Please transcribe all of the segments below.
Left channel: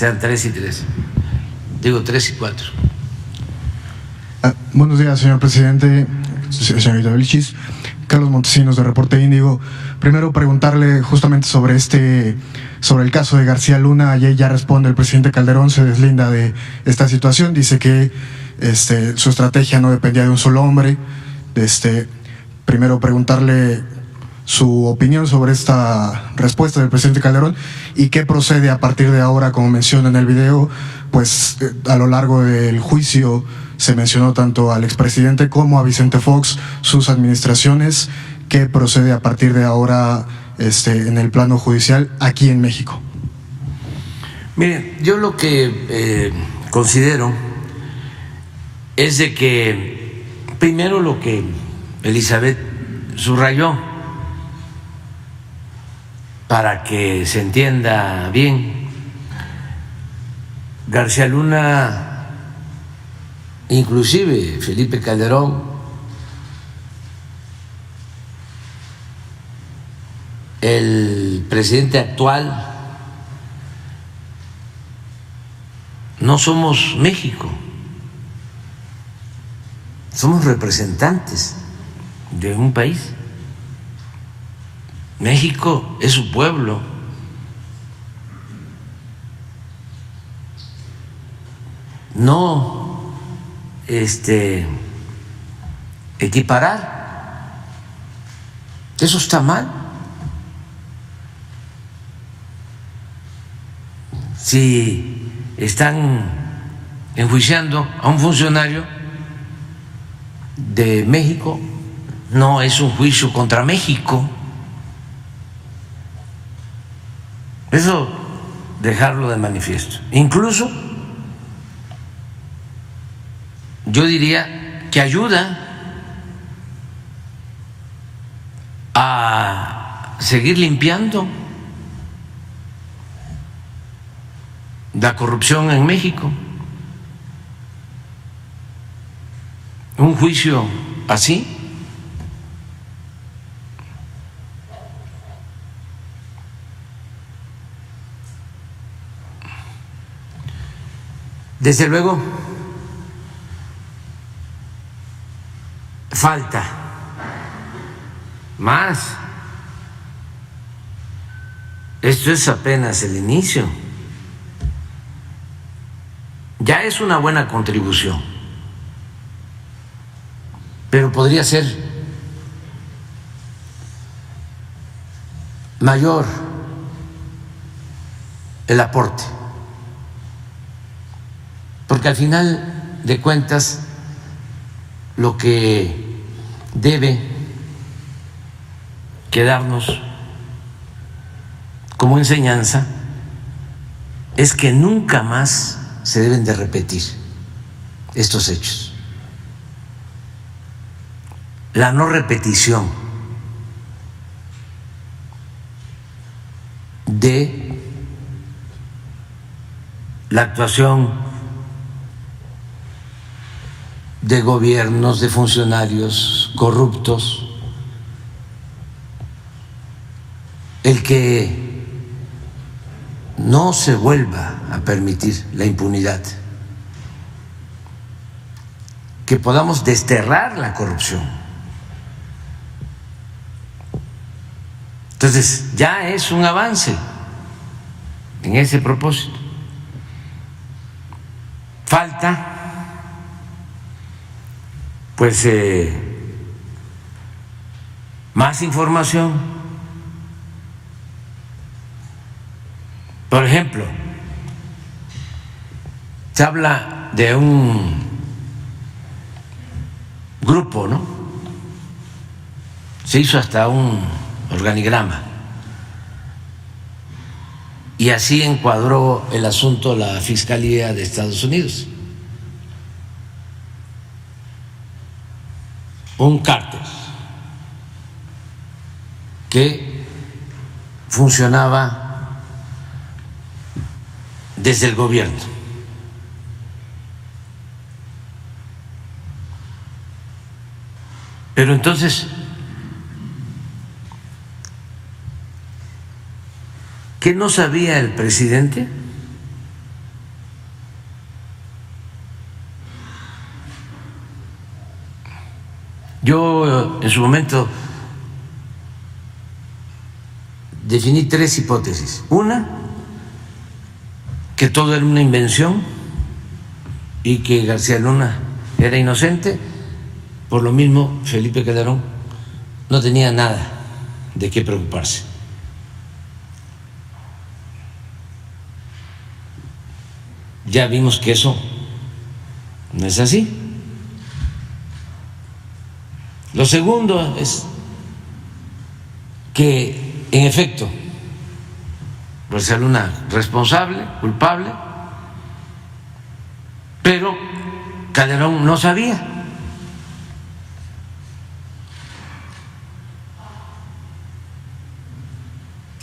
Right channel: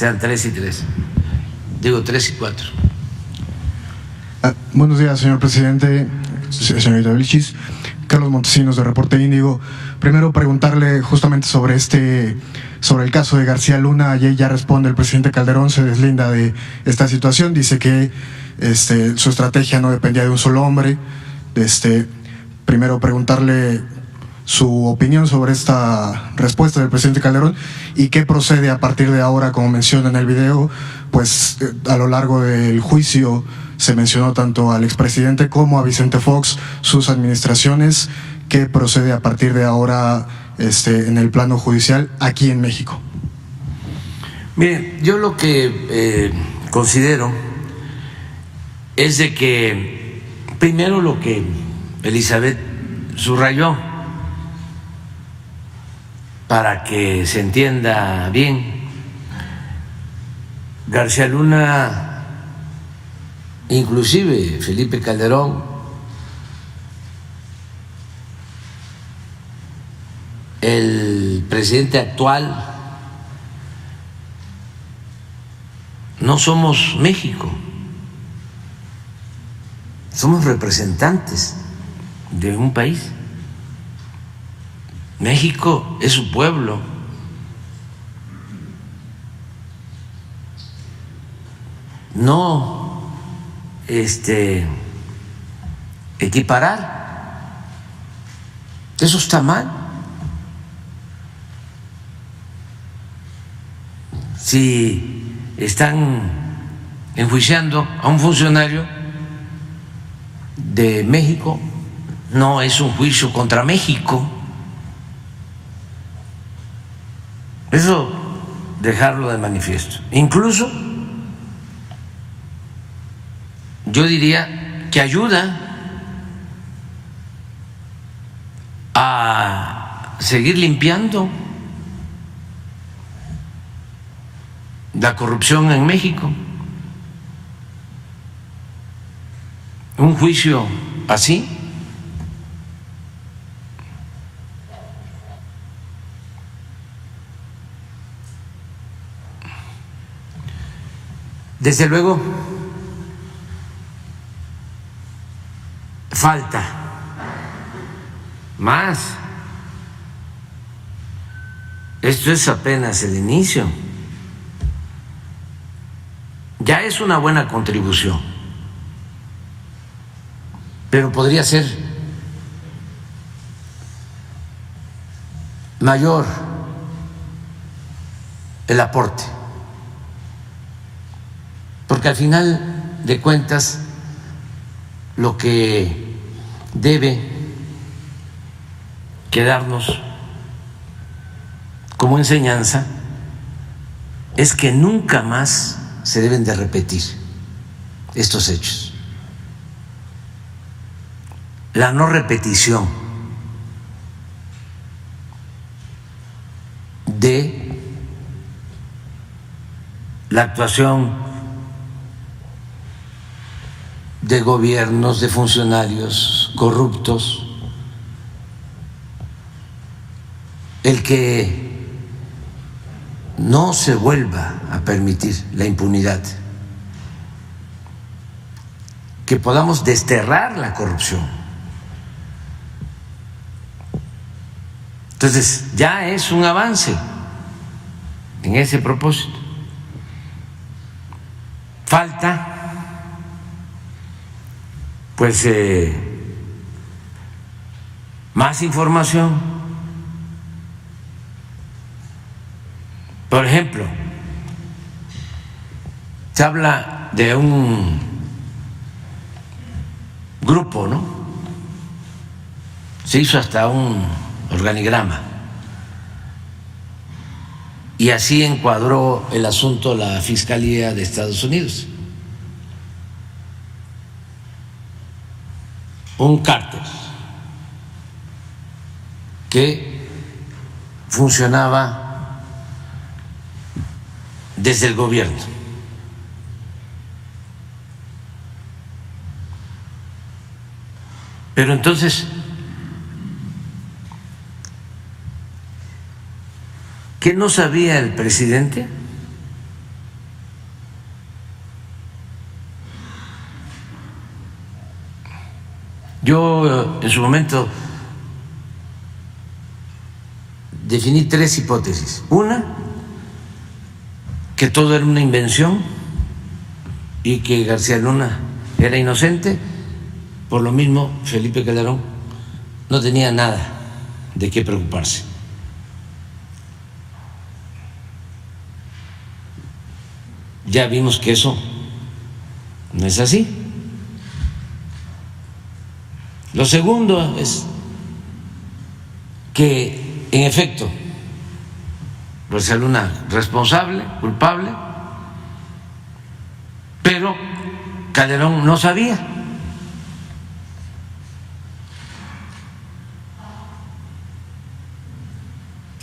sean 3 y 3. Digo 3 y 4. Buenos días, señor presidente, señorita Vilchis. Carlos Montesinos, de Reporte Índigo. Primero preguntarle justamente sobre el caso de García Luna. Ayer ya responde el presidente Calderón, se deslinda de esta situación, dice que su estrategia no dependía de un solo hombre. Primero preguntarle su opinión sobre esta respuesta del presidente Calderón y qué procede a partir de ahora. Como menciona en el video, pues a lo largo del juicio se mencionó tanto al expresidente como a Vicente Fox, sus administraciones. ¿Qué procede a partir de ahora en el plano judicial aquí en México? Miren, yo lo que considero es de que primero lo que Elizabeth subrayó, para que se entienda bien, García Luna, inclusive Felipe Calderón, el presidente actual, no somos México, somos representantes de un país. México es su pueblo. No equiparar, eso está mal. Si están enjuiciando a un funcionario de México, no es un juicio contra México. Eso dejarlo de manifiesto. Incluso yo diría que ayuda a seguir limpiando la corrupción en México. Un juicio así desde luego falta más. Esto es apenas el inicio. Ya es una buena contribución, pero podría ser mayor el aporte, porque al final de cuentas lo que debe quedarnos como enseñanza es que nunca más se deben de repetir estos hechos. La no repetición de la actuación de gobiernos, de funcionarios corruptos, el que no se vuelva a permitir la impunidad, que podamos desterrar la corrupción. Entonces, ya es un avance en ese propósito. Falta, pues, más información. Por ejemplo, se habla de un grupo, ¿no? Se hizo hasta un organigrama y así encuadró el asunto la Fiscalía de Estados Unidos. Un cártel que funcionaba desde el gobierno. Pero entonces, ¿qué no sabía el presidente? Yo en su momento definí 3 hipótesis. Una, que todo era una invención y que García Luna era inocente. Por lo mismo, Felipe Calderón no tenía nada de qué preocuparse. Ya vimos que eso no es así. Lo segundo es que, en efecto, García Luna responsable, culpable, pero Calderón no sabía.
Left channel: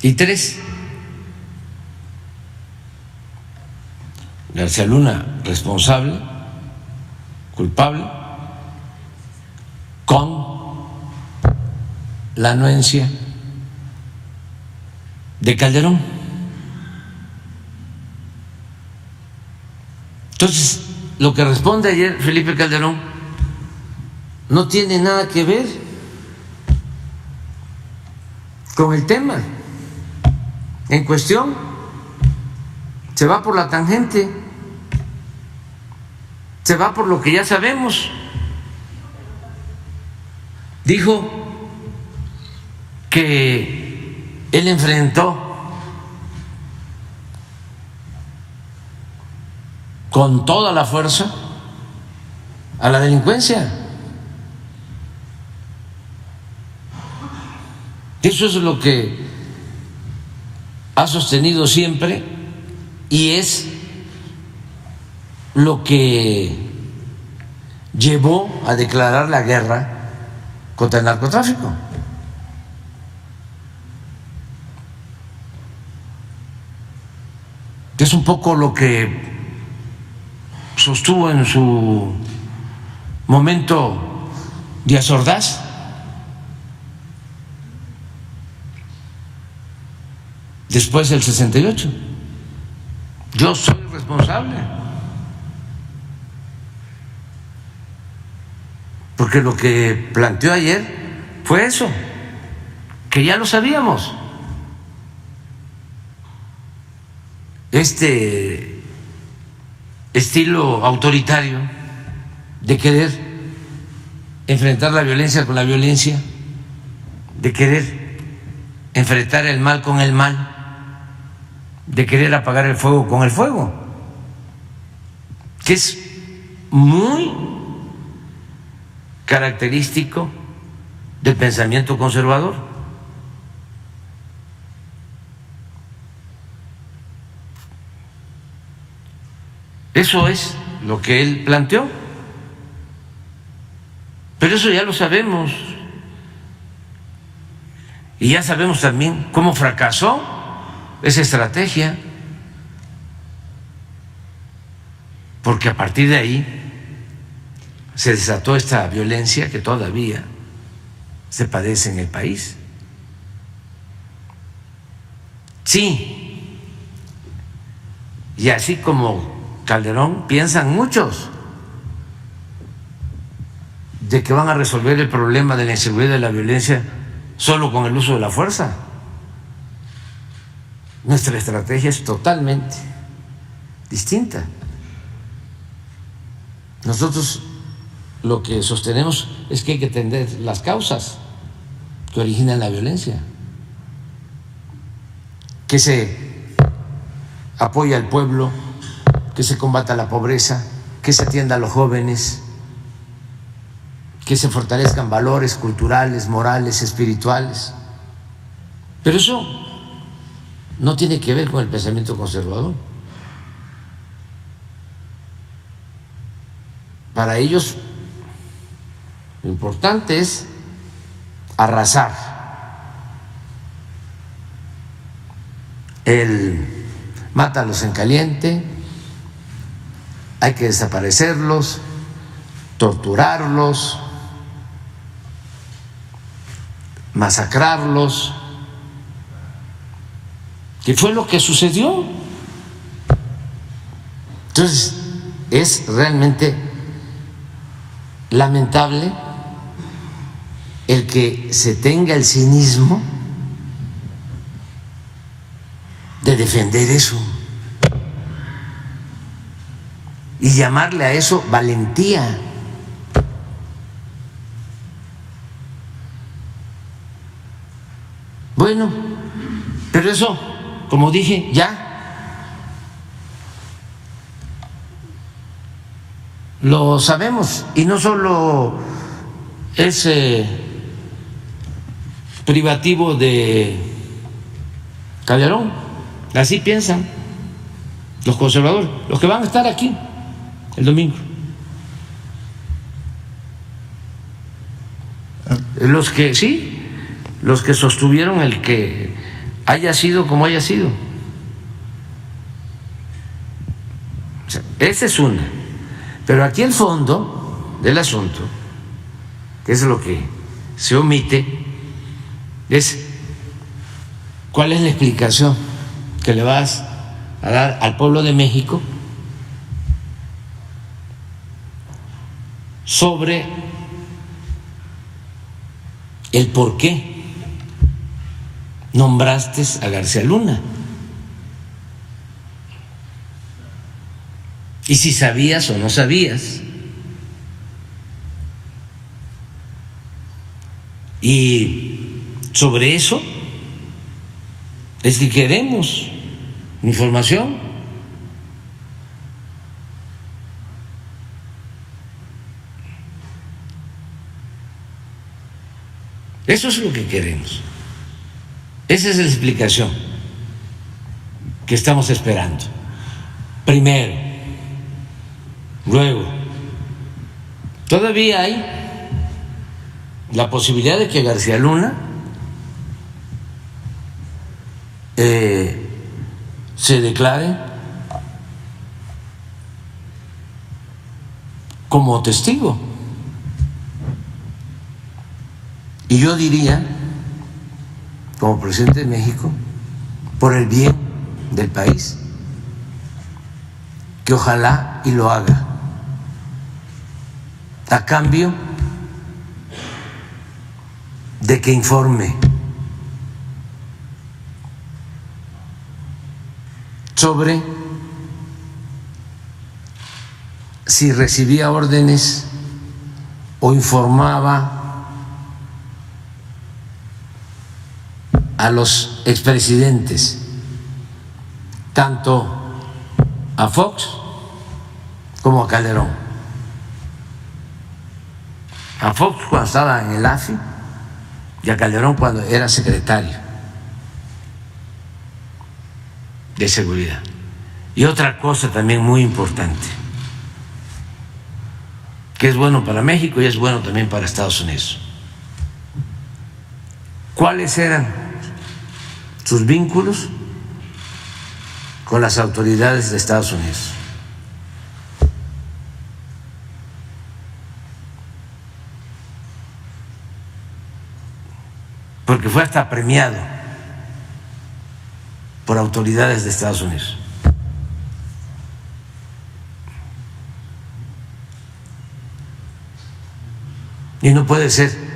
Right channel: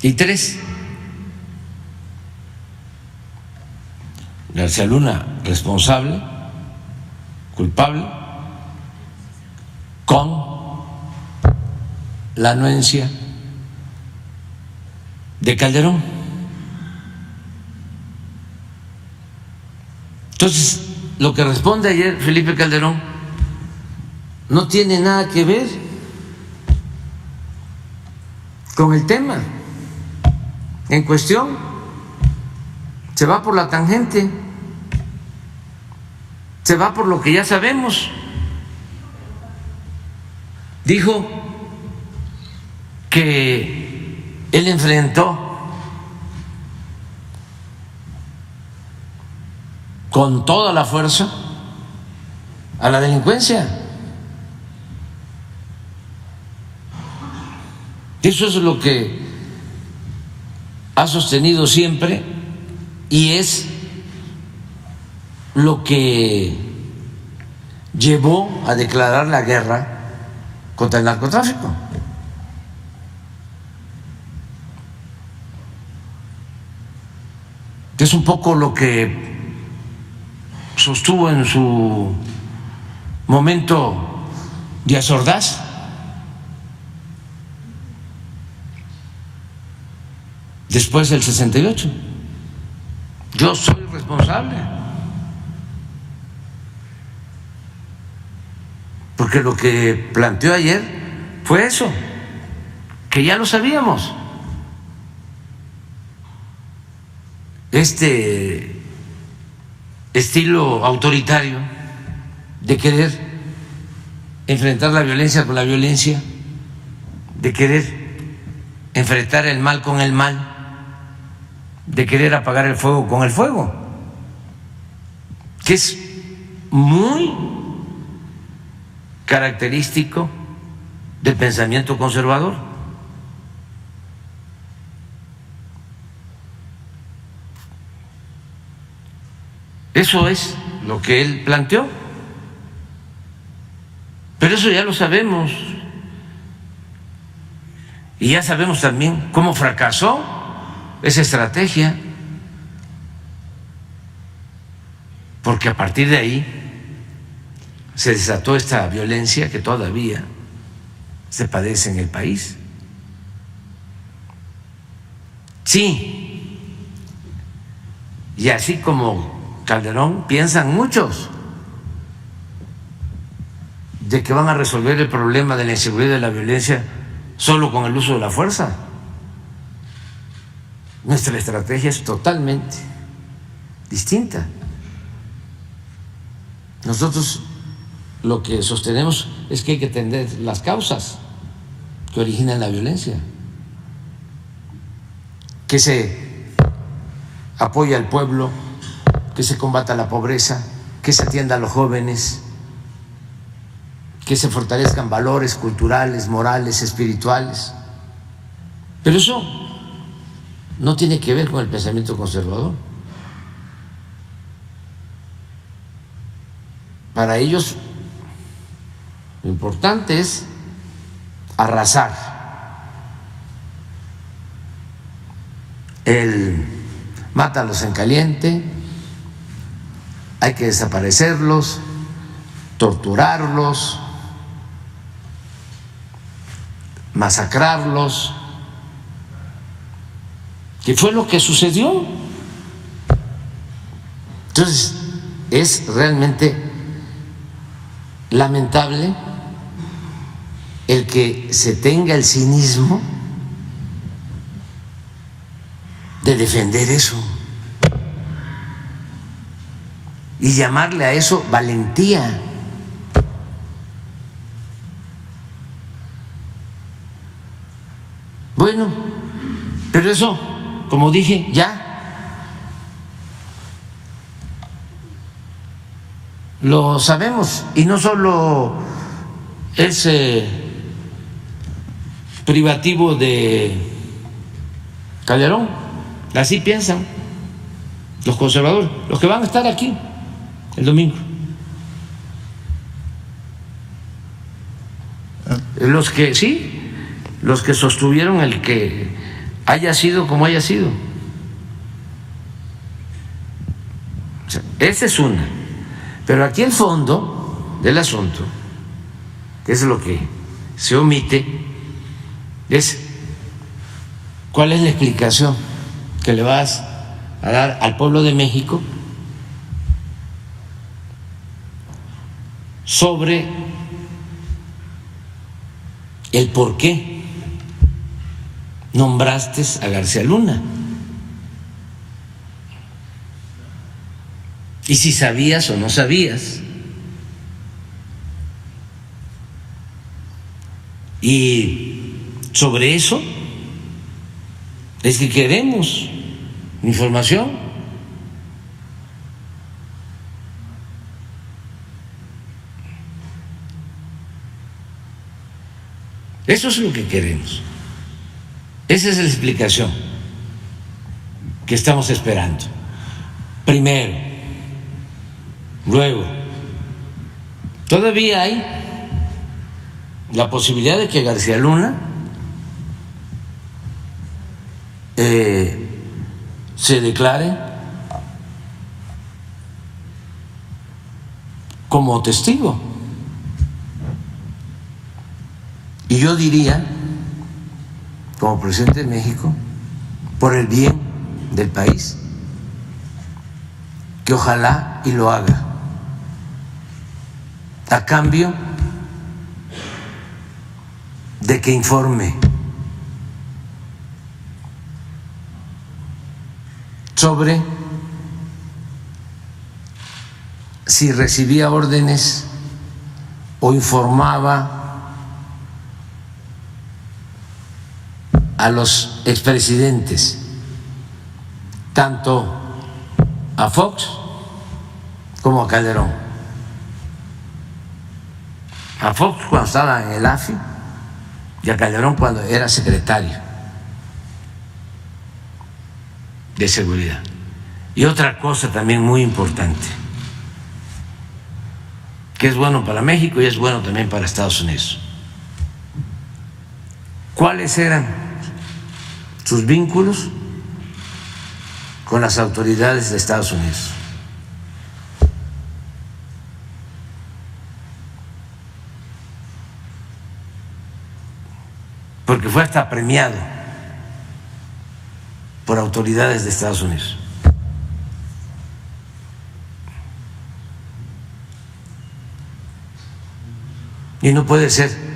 Y 3, García Luna responsable, culpable, con la anuencia de Calderón. Entonces, lo que responde ayer Felipe Calderón no tiene nada que ver con el tema en cuestión. Se va por la tangente, se va por lo que ya sabemos. Dijo que él enfrentó con toda la fuerza a la delincuencia. Eso es lo que ha sostenido siempre y es lo que llevó a declarar la guerra contra el narcotráfico. Es un poco lo que sostuvo en su momento Díaz Ordaz. Después del 68. Yo soy responsable. Porque lo que planteó ayer fue eso, que ya lo sabíamos. Este estilo autoritario de querer enfrentar la violencia con la violencia, de querer enfrentar el mal con el mal, de querer apagar el fuego con el fuego, que es muy característico del pensamiento conservador. Eso es lo que él planteó, pero eso ya lo sabemos y ya sabemos también cómo fracasó esa estrategia, porque a partir de ahí se desató esta violencia que todavía se padece en el país. Sí, y así como Calderón, piensan muchos de que van a resolver el problema de la inseguridad y de la violencia solo con el uso de la fuerza. Nuestra estrategia es totalmente distinta. Nosotros lo que sostenemos es que hay que atender las causas que originan la violencia, que se apoye al pueblo, que se combata la pobreza, que se atienda a los jóvenes, que se fortalezcan valores culturales, morales, espirituales. Pero eso no tiene que ver con el pensamiento conservador. Para ellos lo importante es arrasar, el mátalos en caliente, hay que desaparecerlos, torturarlos, masacrarlos, que fue lo que sucedió. Entonces, es realmente lamentable el que se tenga el cinismo de defender eso y llamarle a eso valentía. Bueno, pero eso, como dije, ya lo sabemos, y no solo es privativo de Calderón, así piensan los conservadores, los que van a estar aquí el domingo, los que sí, los que sostuvieron el que haya sido como haya sido. O sea, esa es una. Pero aquí el fondo del asunto, que es lo que se omite, es cuál es la explicación que le vas a dar al pueblo de México sobre el por qué nombraste a García Luna. Y si sabías o no sabías. Y sobre eso es que queremos información. Eso es lo que queremos. Esa es la explicación que estamos esperando. Primero. Luego, todavía hay la posibilidad de que García Luna se declare como testigo. Y yo diría, como presidente de México, por el bien del país, que ojalá y lo haga, a cambio de que informe sobre si recibía órdenes o informaba a los expresidentes, tanto a Fox como a Calderón. A Fox cuando estaba en el AFI y a Calderón cuando era secretario de Seguridad. Y otra cosa también muy importante, que es bueno para México y es bueno también para Estados Unidos. ¿Cuáles eran sus vínculos con las autoridades de Estados Unidos? Porque fue hasta premiado por autoridades de Estados Unidos. Y no puede ser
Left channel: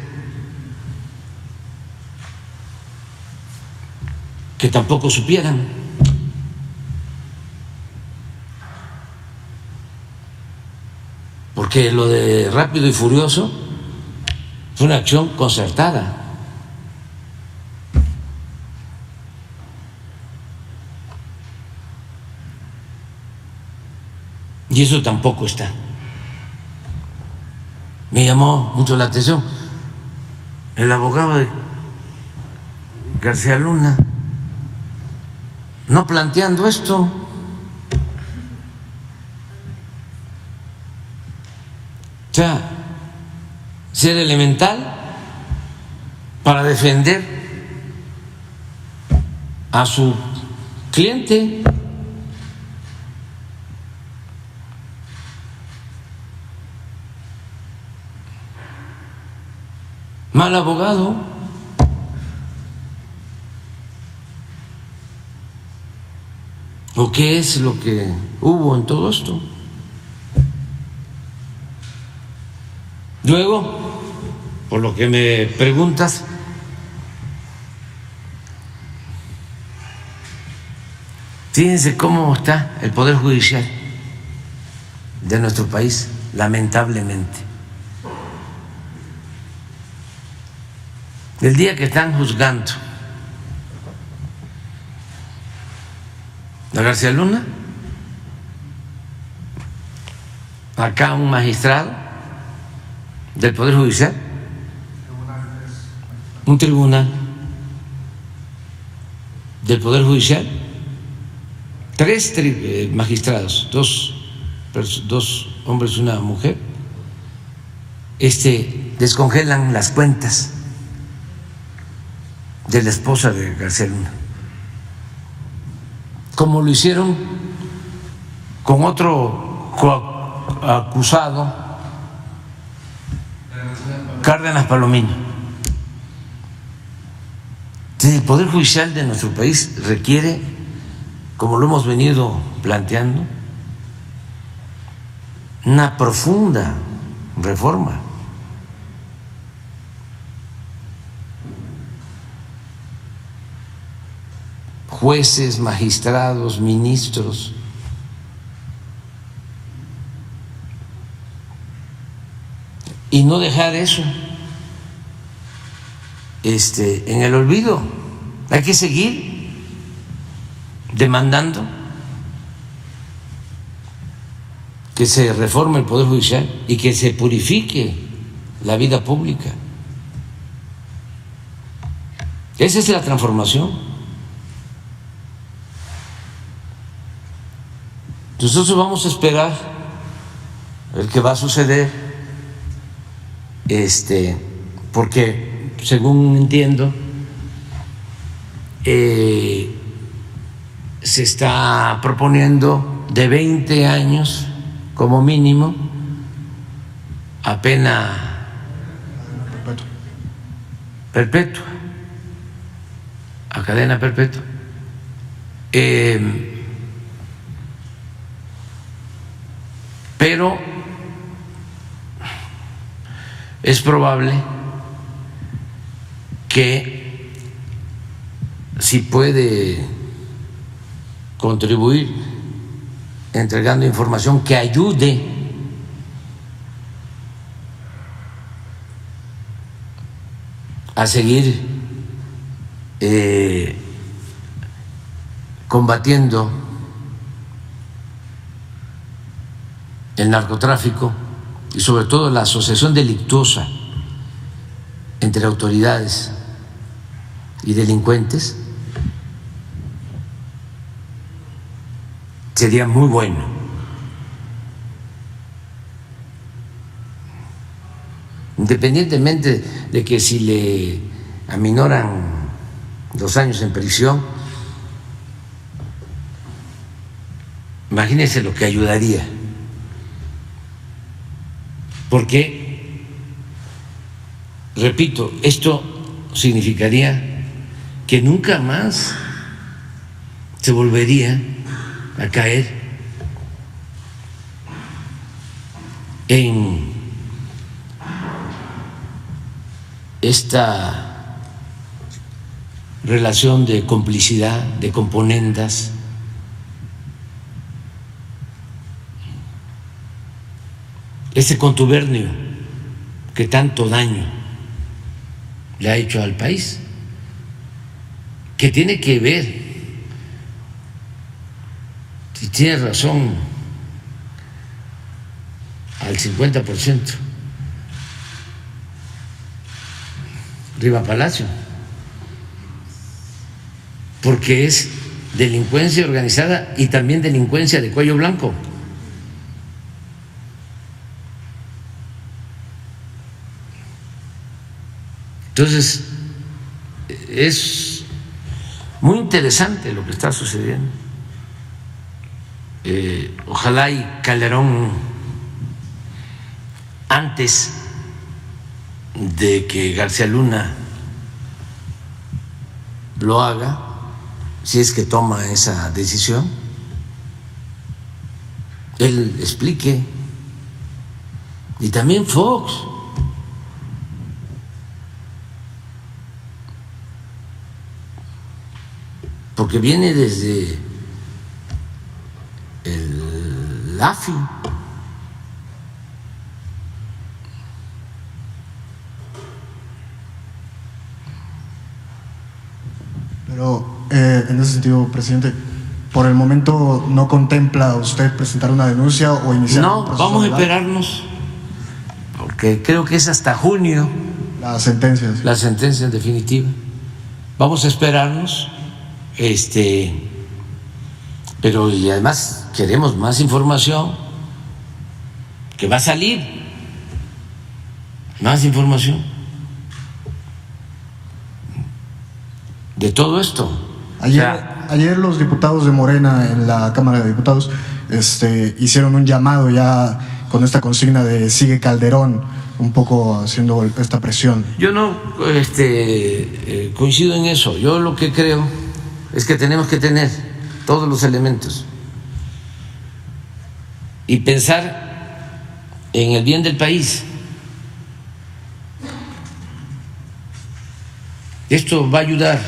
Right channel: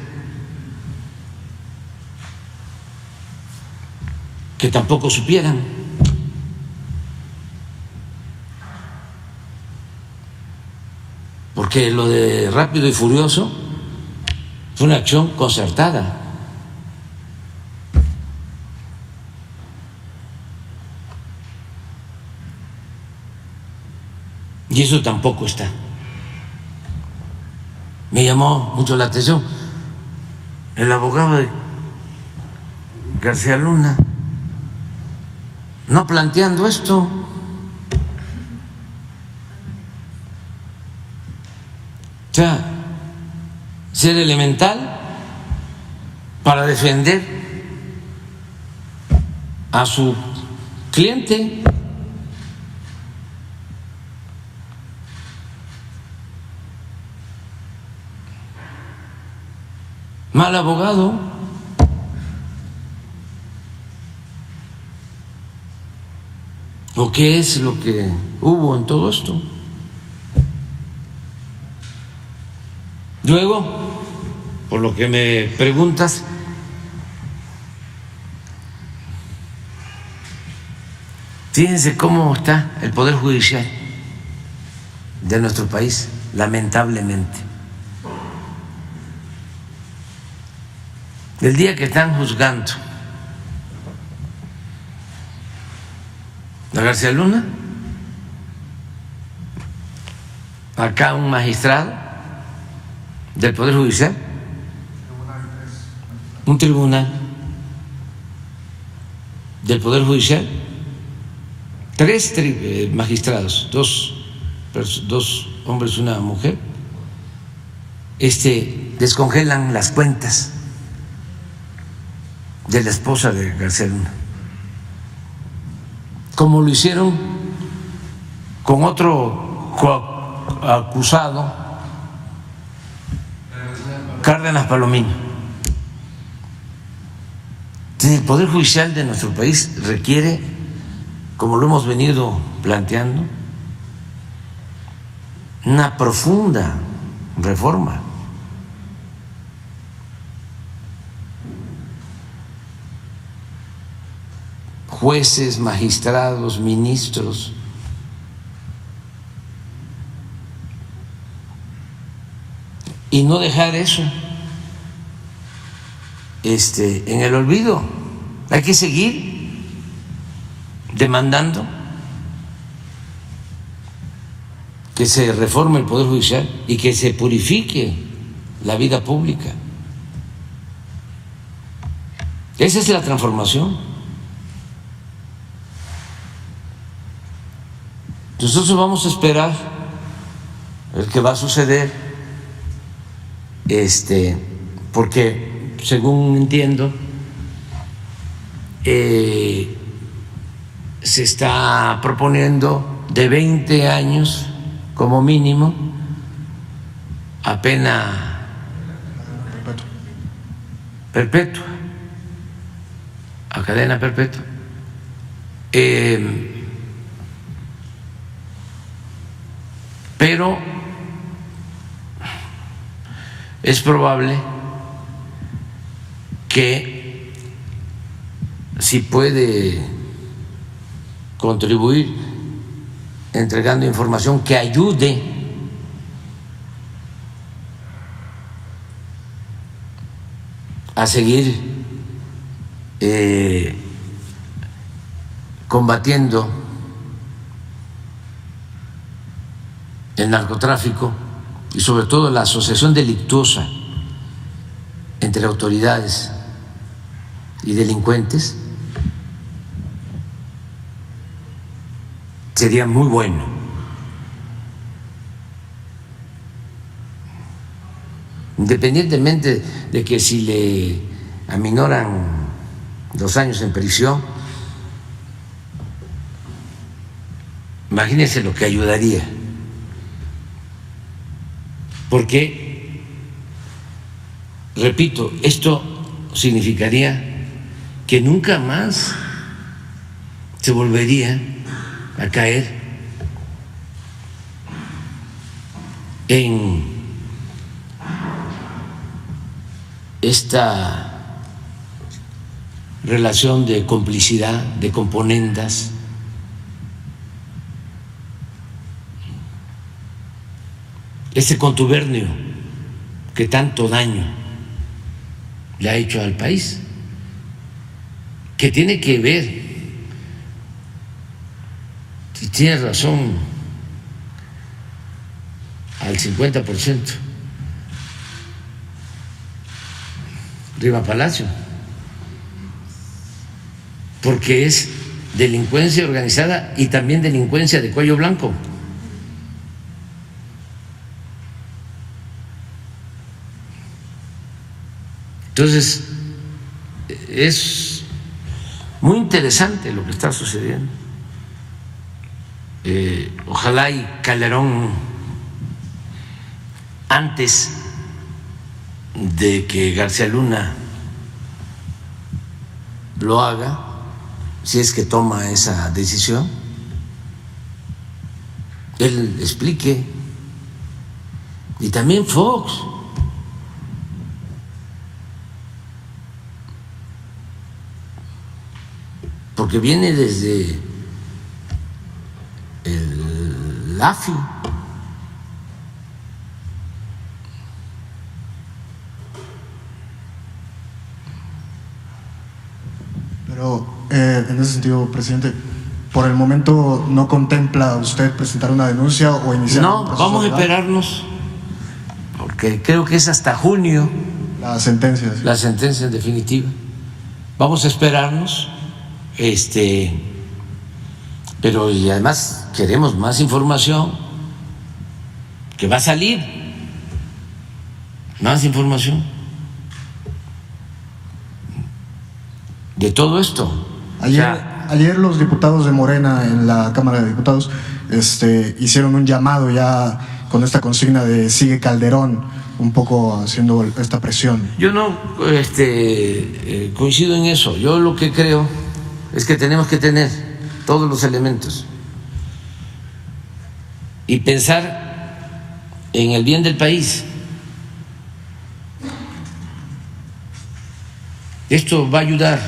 que tampoco supieran. Porque lo de Rápido y Furioso fue una acción concertada. Y eso tampoco está. Me llamó mucho la atención el abogado de García Luna no planteando esto. O sea, ser elemental para defender a su cliente. Mal abogado. ¿O qué es lo que hubo en todo esto? Luego, por lo que me preguntas, fíjense cómo está el Poder Judicial de nuestro país, lamentablemente. El día que están juzgando a García Luna, acá un magistrado del Poder Judicial, un tribunal del Poder Judicial, tres magistrados, dos hombres y una mujer, descongelan las cuentas de la esposa de García Luna, como lo hicieron con otro acusado, Cárdenas Palomino. El Poder Judicial de nuestro país requiere, como lo hemos venido planteando, una profunda reforma. Jueces, magistrados, ministros, y no dejar eso en el olvido. Hay que seguir demandando que se reforme el Poder Judicial y que se purifique la vida pública. Esa es la transformación. Nosotros vamos a esperar el que va a suceder, porque según entiendo se está proponiendo de 20 años como mínimo a pena perpetua, a cadena perpetua. Pero es probable que, si puede contribuir entregando información que ayude a seguir combatiendo el narcotráfico y sobre todo la asociación delictuosa entre autoridades y delincuentes, sería muy bueno. Independientemente de que si le aminoran los años en prisión, imagínense lo que ayudaría. Porque, repito, esto significaría que nunca más se volvería a caer en esta relación de complicidad, de componendas, ese contubernio que tanto daño le ha hecho al país, que tiene que ver, si tiene razón, al 50%, Riva Palacio, porque es delincuencia organizada y también delincuencia de cuello blanco. Entonces, es muy interesante lo que está sucediendo. Ojalá y Calderón, antes de que García Luna lo haga, si es que toma esa decisión, él explique, y también Fox, porque viene desde el AFI. Pero en ese sentido, presidente, ¿por el momento no contempla usted presentar una denuncia o iniciar un proceso vamos a legal? esperarnos, porque creo que es hasta junio Las sentencias. la sentencia definitiva. Vamos a esperarnos, pero y además queremos más información, que va a salir más información de todo esto. Ayer los diputados de Morena en la Cámara de Diputados hicieron un llamado ya con esta consigna de sigue Calderón, un poco haciendo esta presión. Yo no coincido en eso. Yo lo que creo es que tenemos que tener todos los elementos y pensar en el bien del país. Esto va a ayudar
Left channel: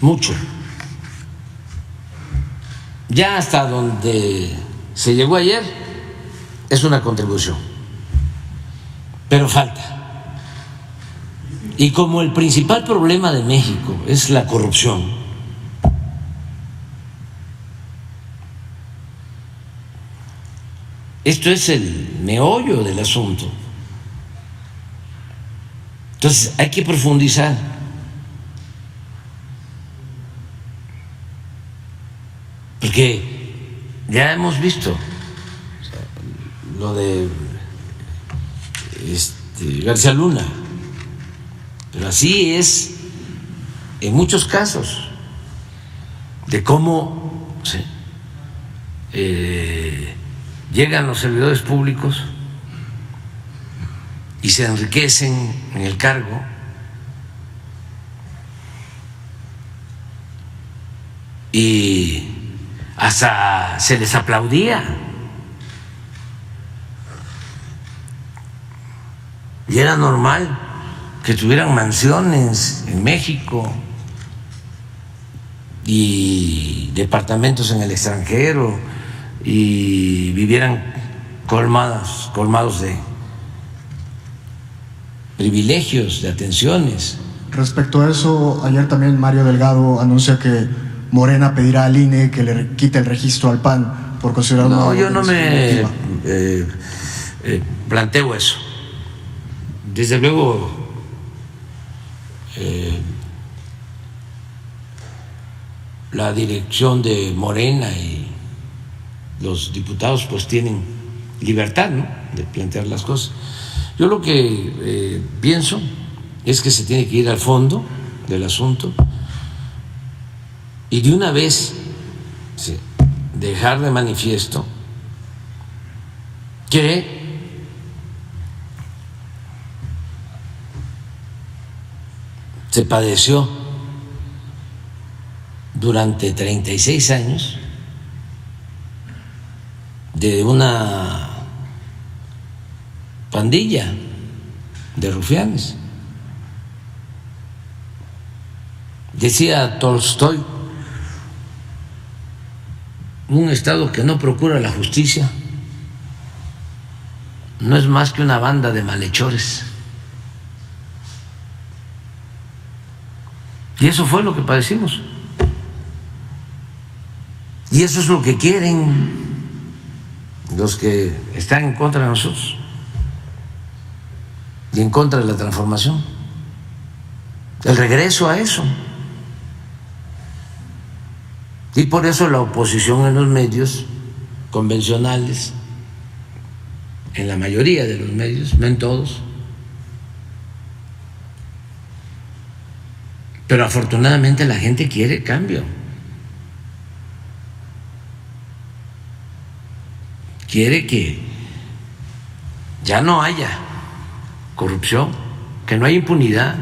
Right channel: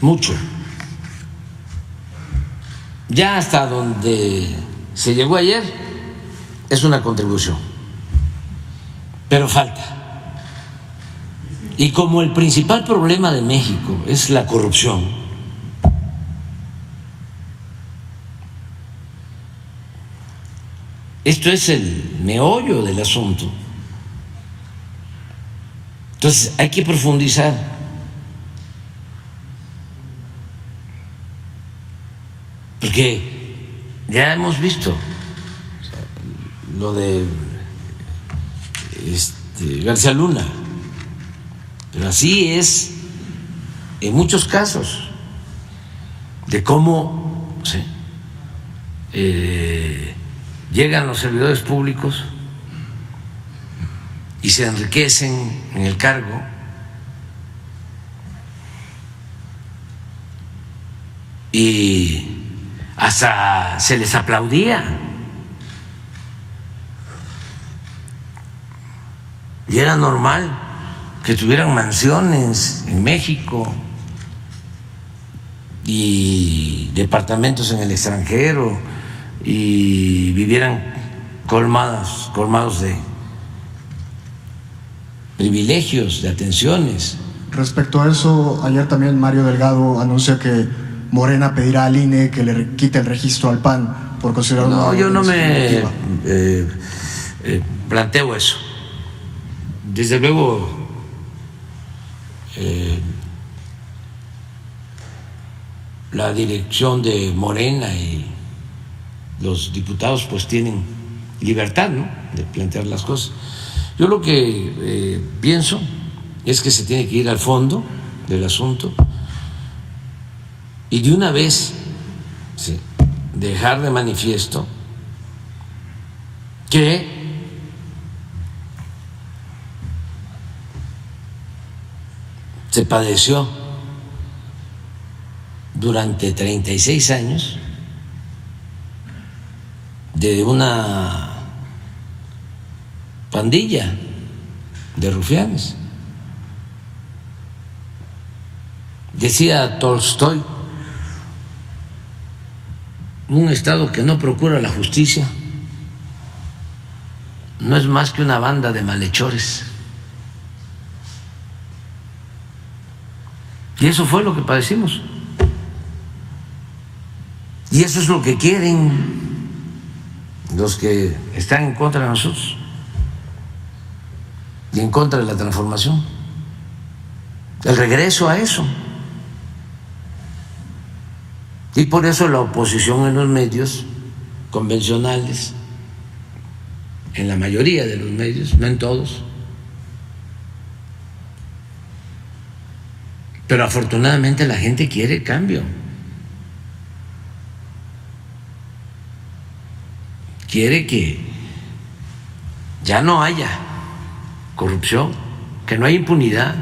mucho. Ya hasta donde se llegó ayer es una contribución, pero falta. Y como el principal problema de México es la corrupción, esto es el meollo del asunto. Entonces hay que profundizar. Porque ya hemos visto lo de García Luna, pero así es en muchos casos de cómo llegan los servidores públicos y se enriquecen en el cargo y hasta se les aplaudía. Y era normal que tuvieran mansiones en México y departamentos en el extranjero y vivieran colmados de privilegios, de atenciones. Respecto a eso, ayer también Mario Delgado anuncia que Morena pedirá al INE que le quite el registro al PAN por considerarlo. No, yo no me planteo eso. Desde luego, la dirección de Morena y los diputados pues tienen libertad, ¿no?, de plantear las cosas. Yo lo que pienso es que se tiene que ir al fondo del asunto y de una vez dejar de manifiesto que se padeció durante 36 años de una pandilla de rufianes. Decía Tolstoy, un Estado que no procura la justicia no es más que una banda de malhechores. Y eso fue lo que padecimos. Y eso es lo que quieren los que están en contra de nosotros y en contra de la transformación. El regreso a eso. Y por eso la oposición en los medios convencionales, en la mayoría de los medios, no en todos, pero afortunadamente la gente quiere cambio, quiere que ya no haya corrupción, que no haya impunidad,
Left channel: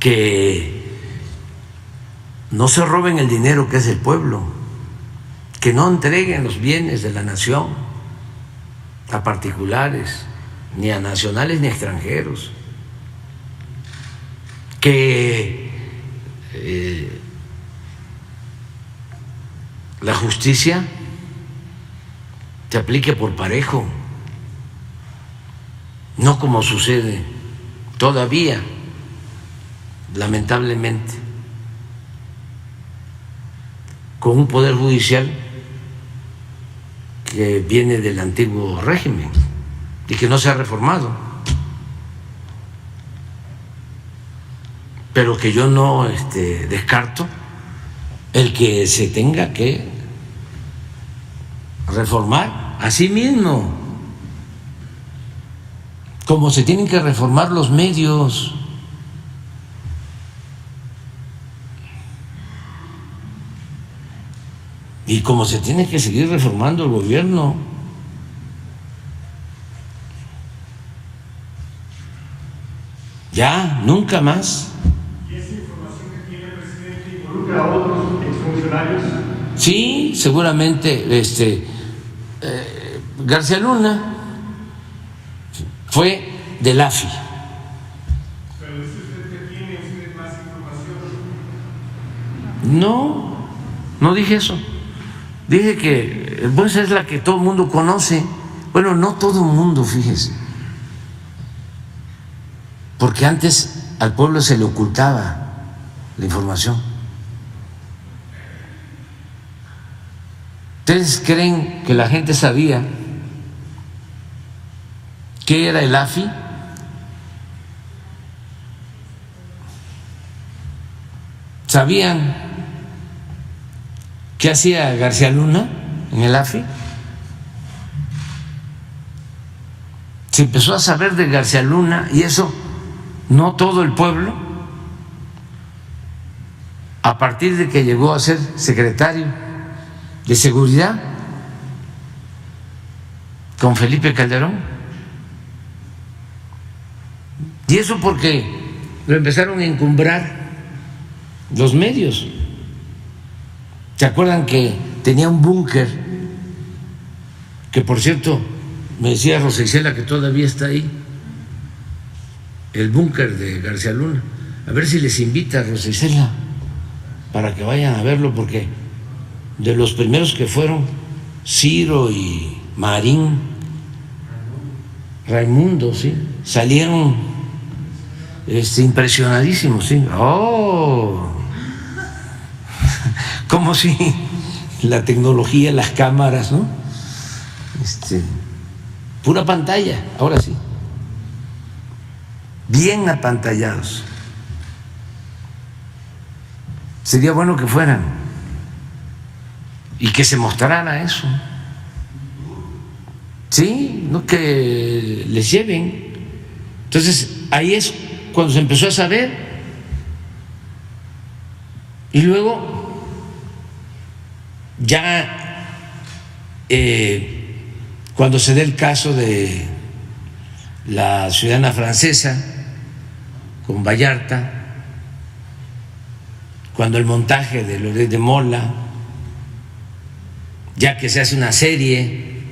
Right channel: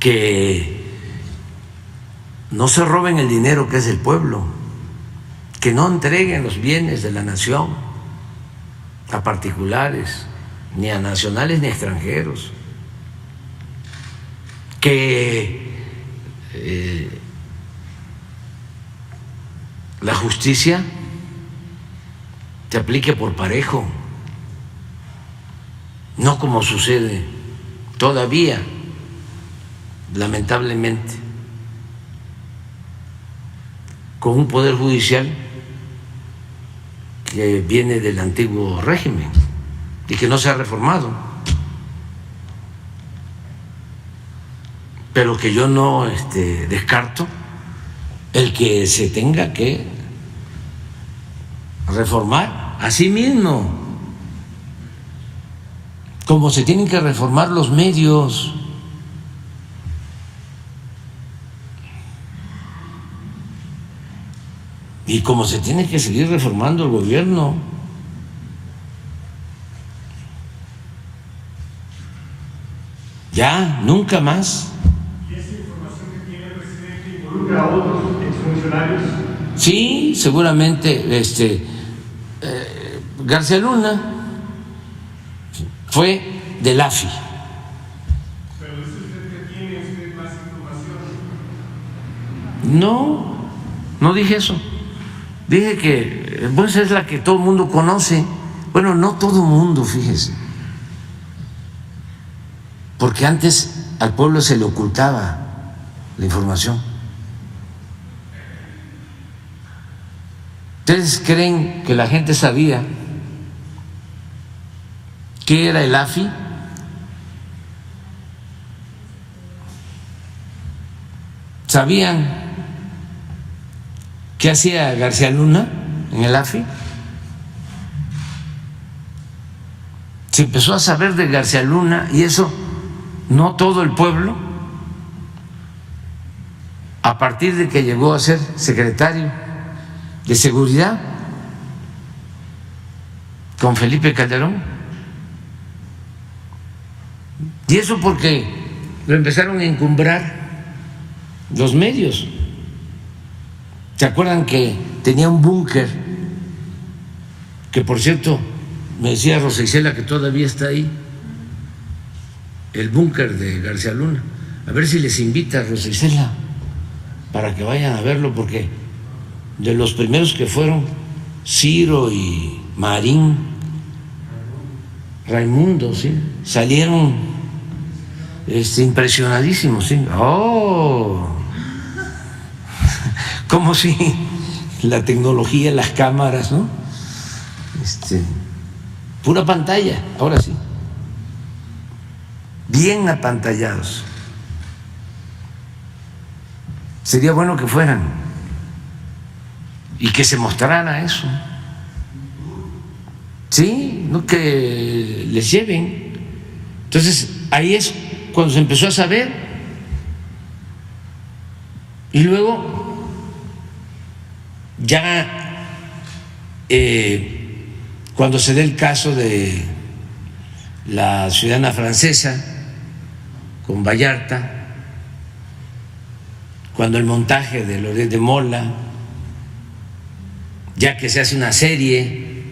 que no se roben el dinero que es del pueblo, que no entreguen los bienes de la nación a particulares, ni a nacionales ni a extranjeros, que la justicia se aplique por parejo, no como sucede todavía, lamentablemente, con un poder judicial que viene del antiguo régimen y que no se ha reformado, pero que yo no descarto el que se tenga que reformar a sí mismo, como se tienen que reformar los medios. Y como se tiene que seguir reformando el gobierno. Ya, nunca más. ¿Y esa información que tiene el presidente involucra a otros exfuncionarios? Sí, seguramente García Luna fue del AFI. Pero dice usted que tiene usted más información. No dije eso. Dije que pues es la que todo el mundo conoce. Bueno, no todo el mundo, fíjese. Porque antes al pueblo se le ocultaba la información. ¿Ustedes creen que la gente sabía qué era el AFI? ¿Sabían qué hacía García Luna en el AFI? Se empezó a saber de García Luna, y eso no todo el pueblo, a partir de que llegó a ser secretario de Seguridad con Felipe Calderón. Y eso porque lo empezaron a encumbrar los medios. ¿Se acuerdan que tenía un búnker? Que por cierto, me decía Rosa Isela que todavía está ahí, el búnker de García Luna. A ver si les invita a Rosa Isela para que vayan a verlo, porque de los primeros que fueron Ciro y Marín, Raimundo, sí, salieron impresionadísimos, sí. Oh, como si la tecnología, las cámaras, ¿no? Pura pantalla, ahora sí, bien apantallados. Sería bueno que fueran y que se mostrara eso, sí, no que les lleven. Entonces ahí es cuando se empezó a saber, y luego ya cuando se dé el caso de la ciudadana francesa con Vallarta, cuando el montaje de Loret de Mola, ya que se hace una serie,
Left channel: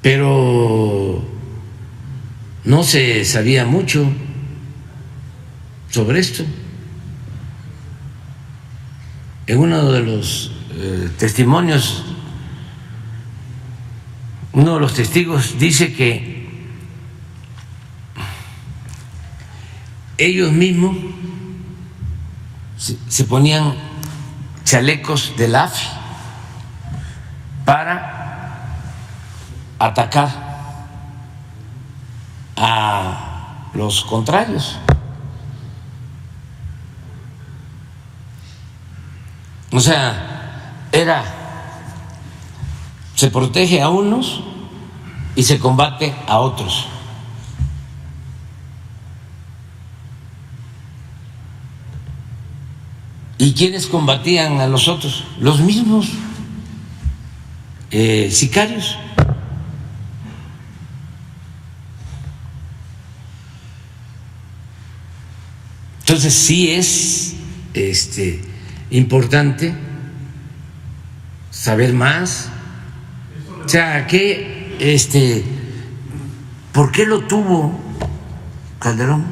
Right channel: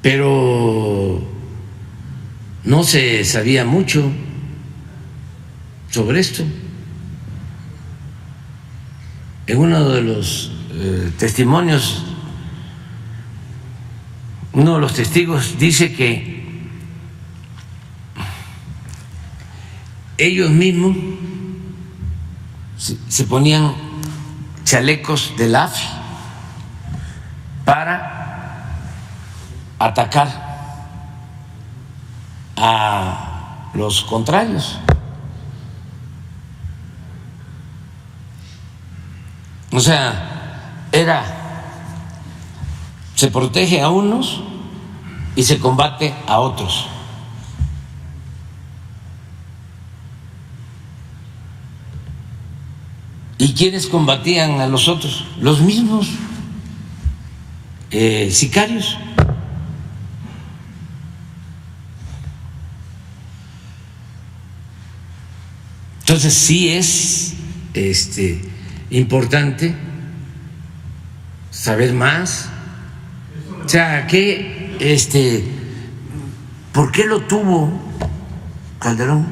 pero no se sabía mucho sobre esto. En uno de los testimonios, uno de los testigos dice que ellos mismos se ponían chalecos del AFI para atacar a los contrarios. O sea, se protege a unos y se combate a otros. ¿Y quiénes combatían a los otros? Los mismos sicarios. Entonces sí es importante saber más. O sea, ¿por qué lo tuvo Calderón?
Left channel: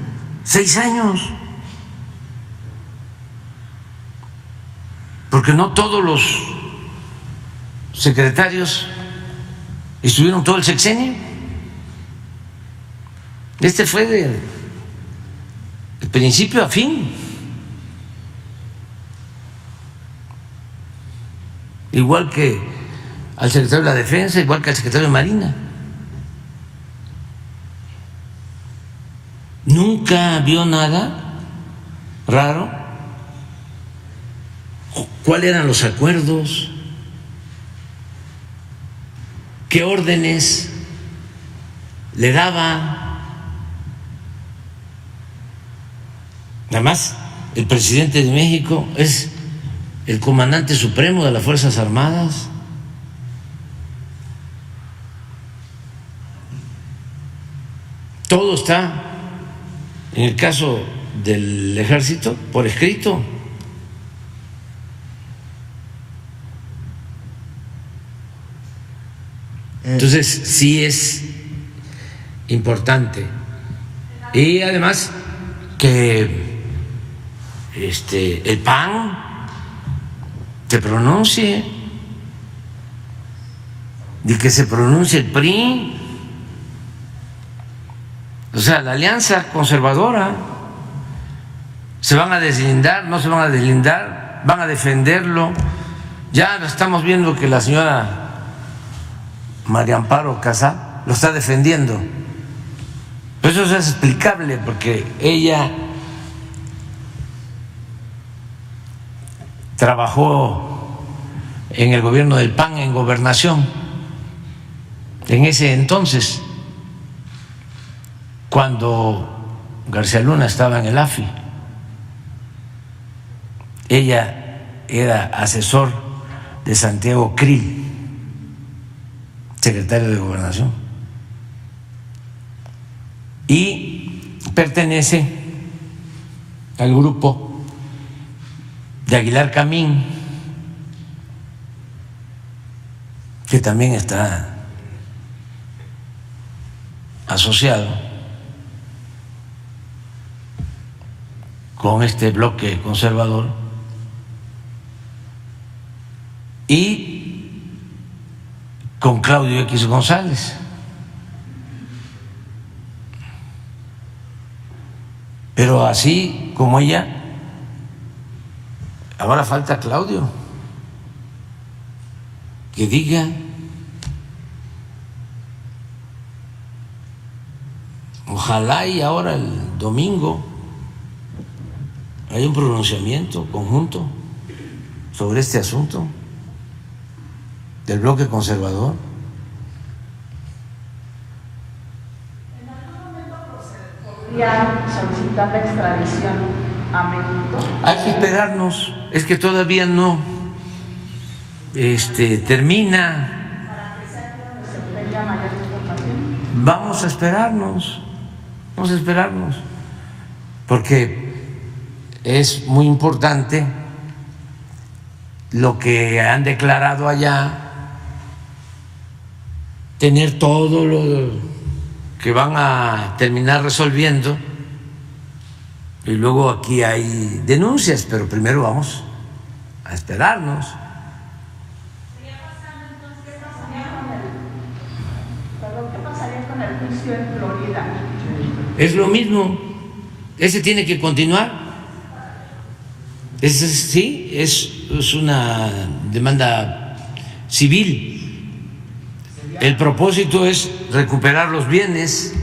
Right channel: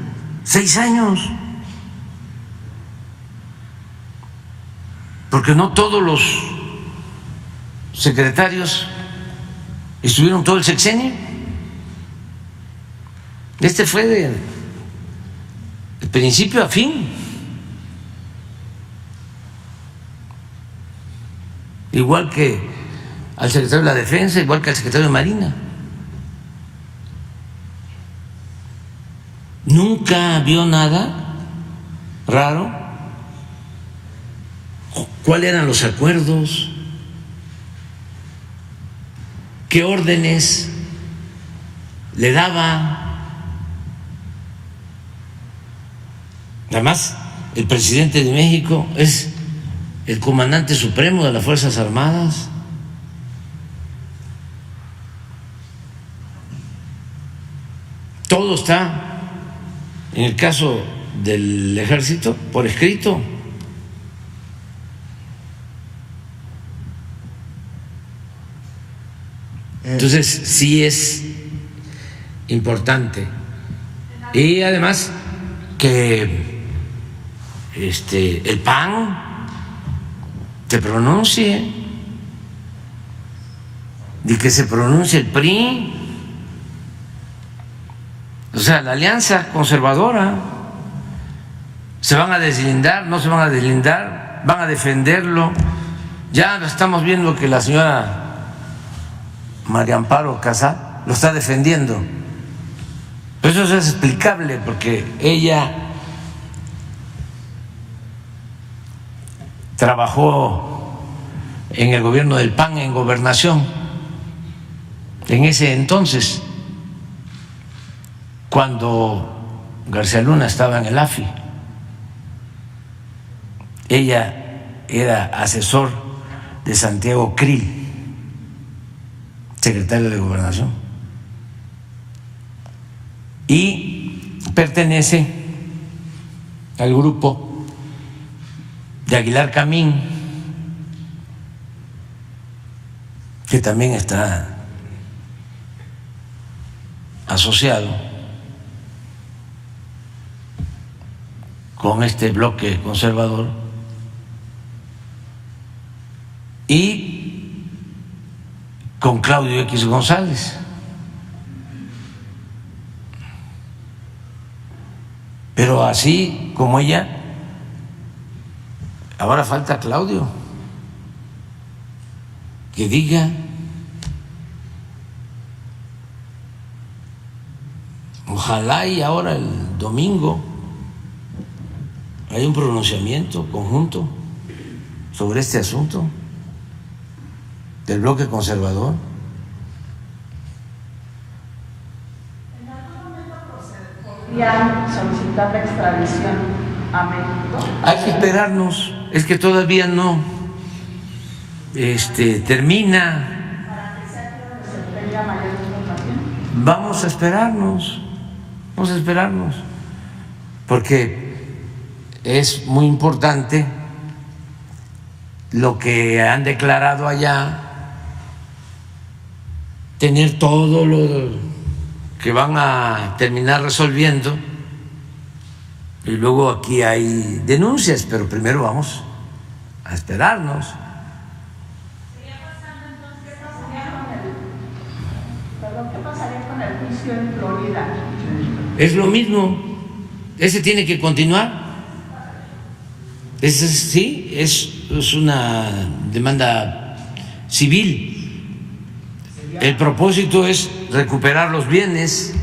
6 años. Porque no todos los secretarios estuvieron todo el sexenio. Este fue de principio a fin. Igual que al secretario de la Defensa, igual que al secretario de Marina. Nunca vio nada raro. ¿Cuáles eran los acuerdos? ¿Qué órdenes le daba? Además, el presidente de México es el comandante supremo de las Fuerzas Armadas. Todo está, en el caso del Ejército, por escrito. Entonces, sí es importante. Y además que el PAN se pronuncie y que se pronuncie el PRI. O sea, la alianza conservadora, ¿se van a deslindar? ¿No se van a deslindar? ¿Van a defenderlo? Ya estamos viendo que la señora María Amparo Casá lo está defendiendo. Pero eso es explicable porque ella trabajó en el gobierno del PAN en gobernación en ese entonces, cuando García Luna estaba en el AFI. Ella era asesor de Santiago Krill, secretario de Gobernación, y pertenece al grupo de Aguilar Camín, que también está asociado con este bloque conservador, y con Claudio X González. Pero así como ella, ahora falta Claudio, que diga. Ojalá y ahora el domingo hay un pronunciamiento conjunto sobre este asunto del bloque conservador. ¿En algún momento podría solicitar la extradición a México? Hay que esperarnos, es que todavía no termina. Para que sea que se tenga mayor información. Vamos a esperarnos, porque es muy importante lo que han declarado allá, tener todo lo que van a terminar resolviendo, y luego aquí hay denuncias, pero primero vamos a esperarnos. ¿Qué pasaría con el juicio en Florida? Es lo mismo, ese tiene que continuar. Ese sí, es una demanda civil. El propósito es recuperar los bienes.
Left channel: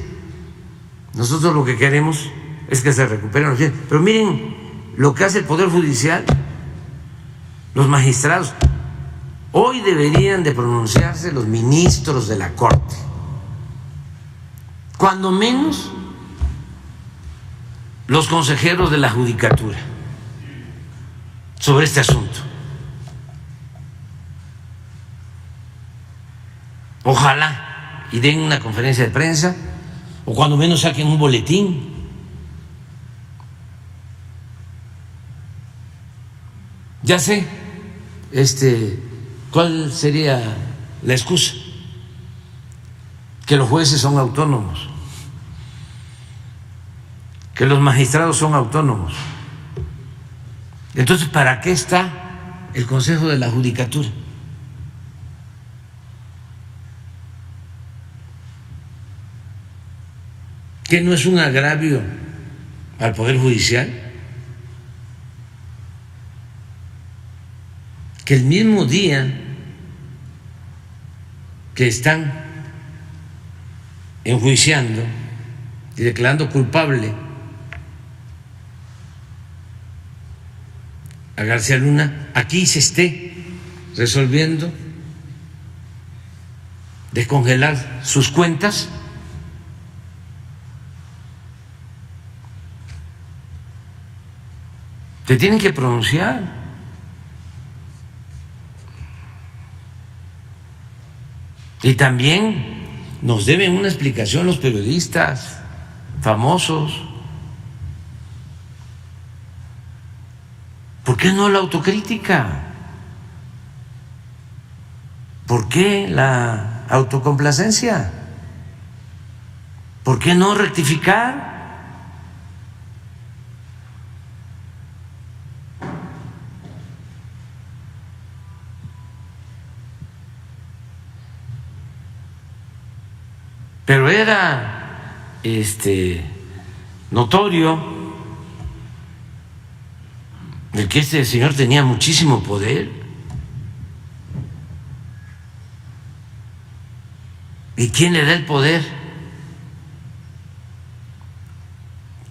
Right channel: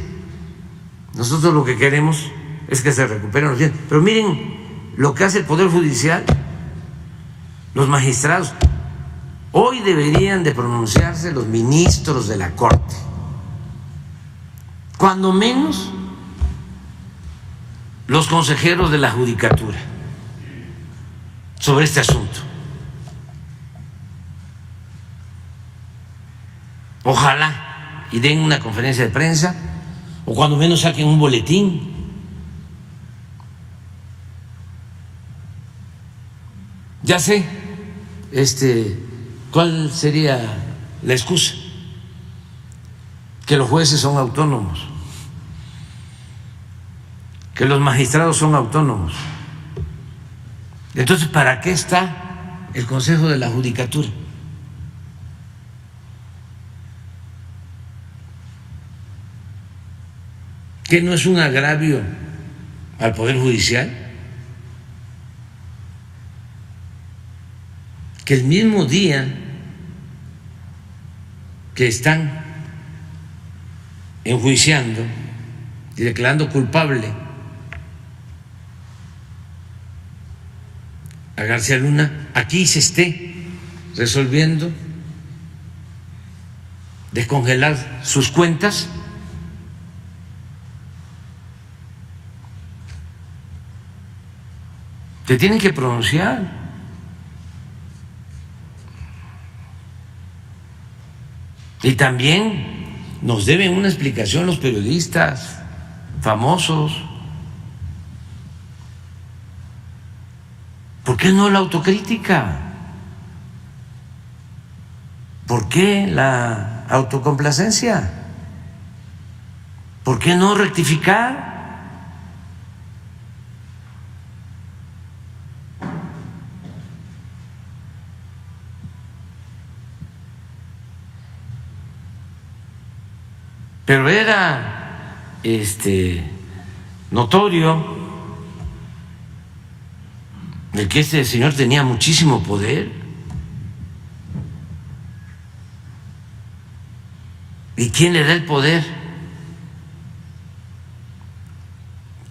Nosotros lo que queremos es que se recuperen los bienes. Pero miren lo que hace el Poder Judicial, los magistrados. Hoy deberían de pronunciarse los ministros de la Corte, cuando menos los consejeros de la Judicatura, sobre este asunto. Ojalá y den una conferencia de prensa, o cuando menos saquen un boletín. Ya sé cuál sería la excusa: que los jueces son autónomos, que los magistrados son autónomos. Entonces, ¿para qué está el Consejo de la Judicatura? ¿Que no es un agravio al Poder Judicial? Que el mismo día que están enjuiciando y declarando culpable a García Luna, aquí se esté resolviendo descongelar sus cuentas. Te tienen que pronunciar. Y también nos deben una explicación los periodistas famosos. ¿Por qué no la autocrítica? ¿Por qué la autocomplacencia? ¿Por qué no rectificar? Pero era notorio de que este señor tenía muchísimo poder. ¿Y quién le da el poder?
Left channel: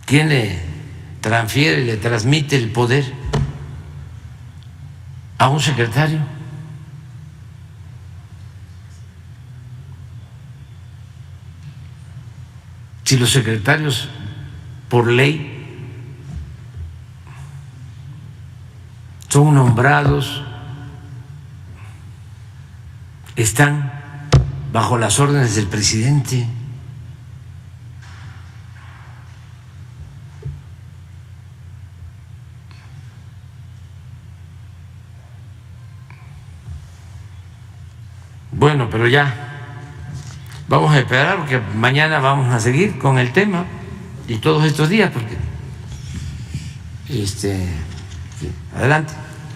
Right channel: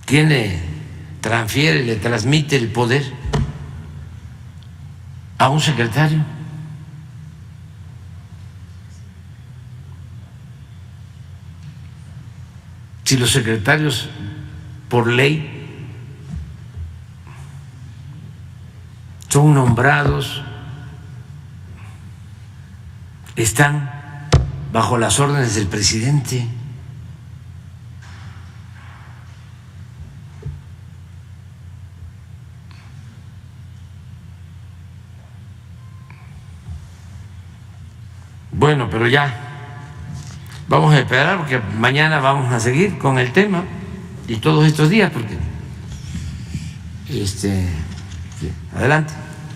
¿Quién le transfiere, le transmite el poder? A un secretario. Si los secretarios, por ley, son nombrados, están bajo las órdenes del presidente. Bueno, pero ya vamos a esperar porque mañana vamos a seguir con el tema y todos estos días porque adelante.